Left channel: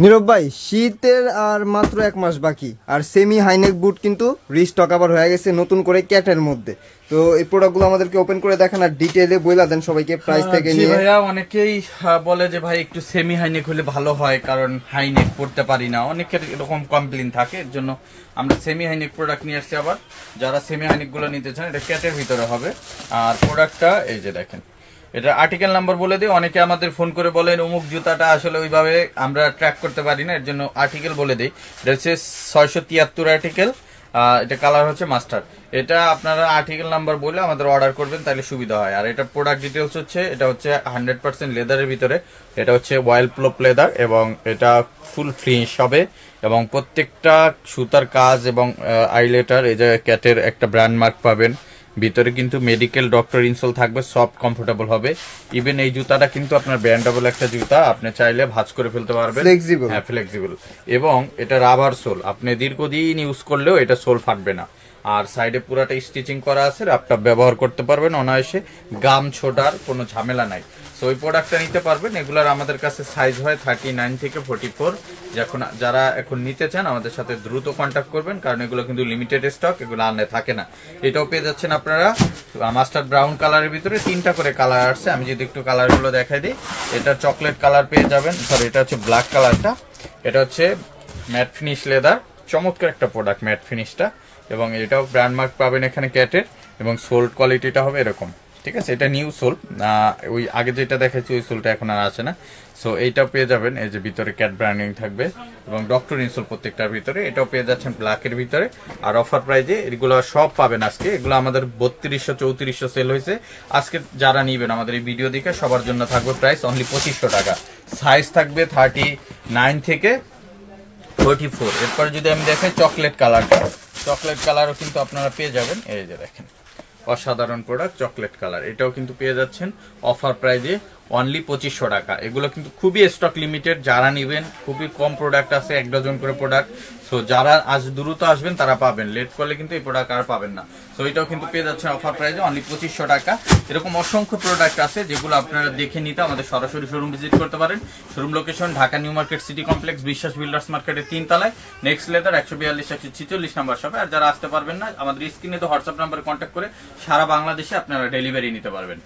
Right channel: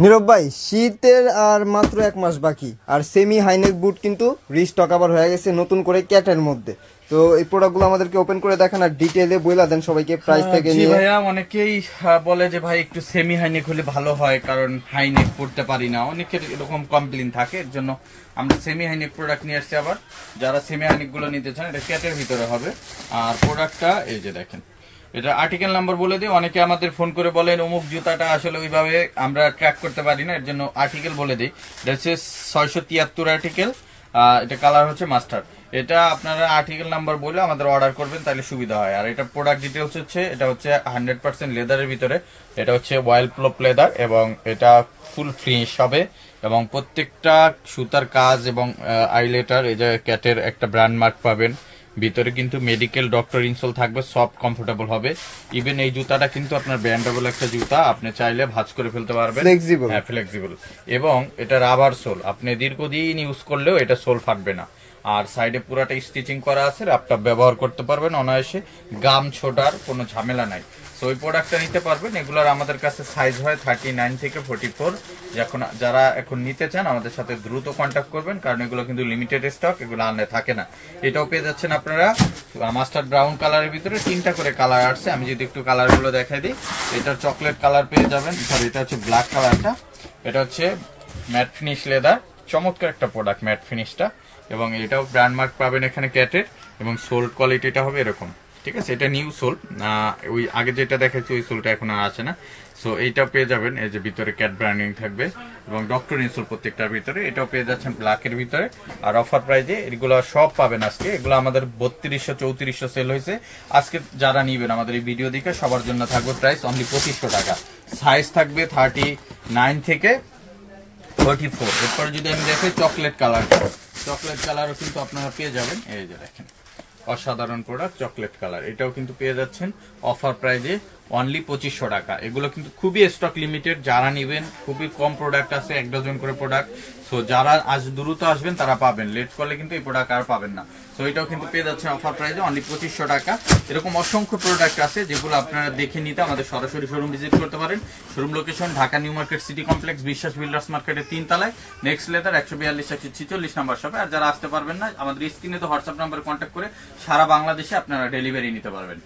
নীরব ভাই, শীতের আর মাত্র 1 মাস বাকি, আর সেমি হাইনেক বুট কিন্তু রিস্টক আবার হয়ে গেছে নতুন করে ক্যাটের মধ্যে। তো এই প্রোডাক্টগুলো আমাদেরকে ওপেন করে দেখান আর ডিটেইলে বইলা দেন সবাইকে প্রাইস থেকে নিয়ে। ভাইয়া অনেকেই বলে যে ভাই একটু সেমি হাইনেক হলে ভালো হয়, কারণ হাইনেক পড়তে পারি না, অনেকের এরকম কমপ্লেইন থাকে। এর জন্য আমরা সেমি হাইনেক প্রোডাক্ট নিয়ে আসছি। আবার যারা সেমি হাইনেক গুলো নিতে চান, এটা ক্যাটের ভিতরে হবে। আর প্রোডাক্টটা এই যে দেখেন, এটা আর্টিকেল নাম্বার বলে দিই। অনেকে আমাদের ফোন করে বলেন অমুক জুতাটা আসলে ওইভাবে আমরা ট্র্যাক করতে পারি না, এর জন্য আর্টিকেল বলে দিই। এটা হচ্ছে 673 আর্টিকেল, এটা কালার হচ্ছে মাস্টার্ড। এটা আপনারা আর্টিকেল নাম্বার বলে আমাদের অর্ডার করবেন, তাহলে সুবিধা হয়। আর এটা প্রোডাক্ট ডিটেলস হচ্ছে, এটা হচ্ছে 100% লেদারের ভিতরে, এটা হচ্ছে ওয়াইল্ড প্লপ লেদার এবং এটা ফুল ফিনিশ হবে। এবং প্রত্যেকটা সুতার কাজ এবং আইলেটার, এই যে ক্যাটের একটা ব্র্যান্ড মার্ক পাবেন। ভিতরে কিন্তু মেডিকেল ডক্টর ইনসোল থাকবে, সফট কমফোর্টেবল হবে। ইভেন এই জুতাটা কিন্তু আপনার ব্যান্ডেবল একটা জুতা, আপনি চাইলে ভাঁজ করে ফেলতে পারবেন, ফ্লেক্সিবল। হ্যাঁ ফ্লেক্সিবল। এবং এটা রাবার সোল, আপনি দীর্ঘদিন ইউজ করলেও এটা সোল ফাটবে না। আর সাইডে পুরাটা স্টিচিং করা আছে, ল্যাপটপ ব্যবহার করতে পারবেন অনায়াসে, গাম ছোটার কোনো ঝামেলা নাই। সো ওই প্রোডাক্টটা নিতে পারবেন। এগুলার আমাদের কাছে সাইজ হয় 39 থেকে 44। যারা এখন নিতে চান আমাদের সাথে দ্রুত কন্ট্যাক্ট করবেন, কারণ এগুলো কিন্তু লিমিটেড স্টক, এগুলো আনলে থাকে না। এটাও পেয়ে যাচ্ছেন আপনারা মাস্টার্ড ব্রাউন কালারের ভিতরে, 3টা করে কালার আসছে। আমি যদি একটু কালারগুলো দেখাই দিই, এটা চকলেট কালার পেয়ে যাবেন, সরি এটা হচ্ছে ব্ল্যাক কালারটা। এটা হচ্ছে ম্যাট ফিনিশ লেদার, চমৎকার একটা প্রোডাক্ট ম্যাট ফিনিশটা। এবং এটাও ব্র্যান্ড মার্ক পাবেন এখানে ক্যাটের, এবং সোল কোয়ালিটিটা হবে এরকম, ঠিক আছে। এটা নিউ সোল, ওই আগে যেটা দেখেছি ওই সোলটা এখন আর আসে না। সো এইটা পেয়ে যাবেন, এই যে ভিতরে ক্যাট ব্র্যান্ডিং থাকবে এবং ডক্টর ইনসোল প্রত্যেকটার ভিতরে। এটাও পেয়ে যাচ্ছেন ব্ল্যাকের ভিতরে। আর অফার প্রাইজে এগুলো সব পাবেন আজকে। এগুলো আমাদের 3200 3400 সেল হয়েছে। আজকে যারা নিবেন আমাদের এই ভিডিও দেখে সবার জন্য থাকবে প্রাইস অনলি 2500 টাকা। সাইজ থাকবে 39 থেকে 44। এরপর যদি আমি দেখি চকলেট কালারটা, চকলেট কালারও কিন্তু আপনারা পেয়ে যাবেন। এই যে দেখেন, অসাধারণ প্রোডাক্ট চকলেট কালার, এটাও কিন্তু পেয়ে যাচ্ছেন অফার প্রাইজে অনলি 2500 টাকা। এগুলো কিন্তু খুবই স্টক লিমিটেড, যারা নিবেন খুবই কম প্রোডাক্ট আছে, 1 ডজন করে প্রোডাক্ট। সো যারা আজ দ্রুত আসবেন তারা পাবেন, লেট করলে কিন্তু এই প্রোডাক্ট আর পাবেন না। সো এটাও কিন্তু পেয়ে যাচ্ছেন অফার প্রাইজে অনলি 2500 টাকা। এরকম অসংখ্য প্রোডাক্ট আছে যেগুলো আপনারা দেখে নিতে আমাদের সরাসরি শোরুম ভিজিট করতে পারেন। Showroom location Dhaka new market city complex, বিশ্বাস বিল্ডার্স মার্কেটের 3 তলায়, নেক্সট লেদার 142 146 নাম্বার শপে। আর যারা আসতে পারবেন না, আমাদের স্ক্রিনে তো হোয়াটসঅ্যাপ নাম্বারে কন্ট্যাক্ট করে সারা বাংলাদেশে আপনারা ডেলিভারি নিতে পারবেন।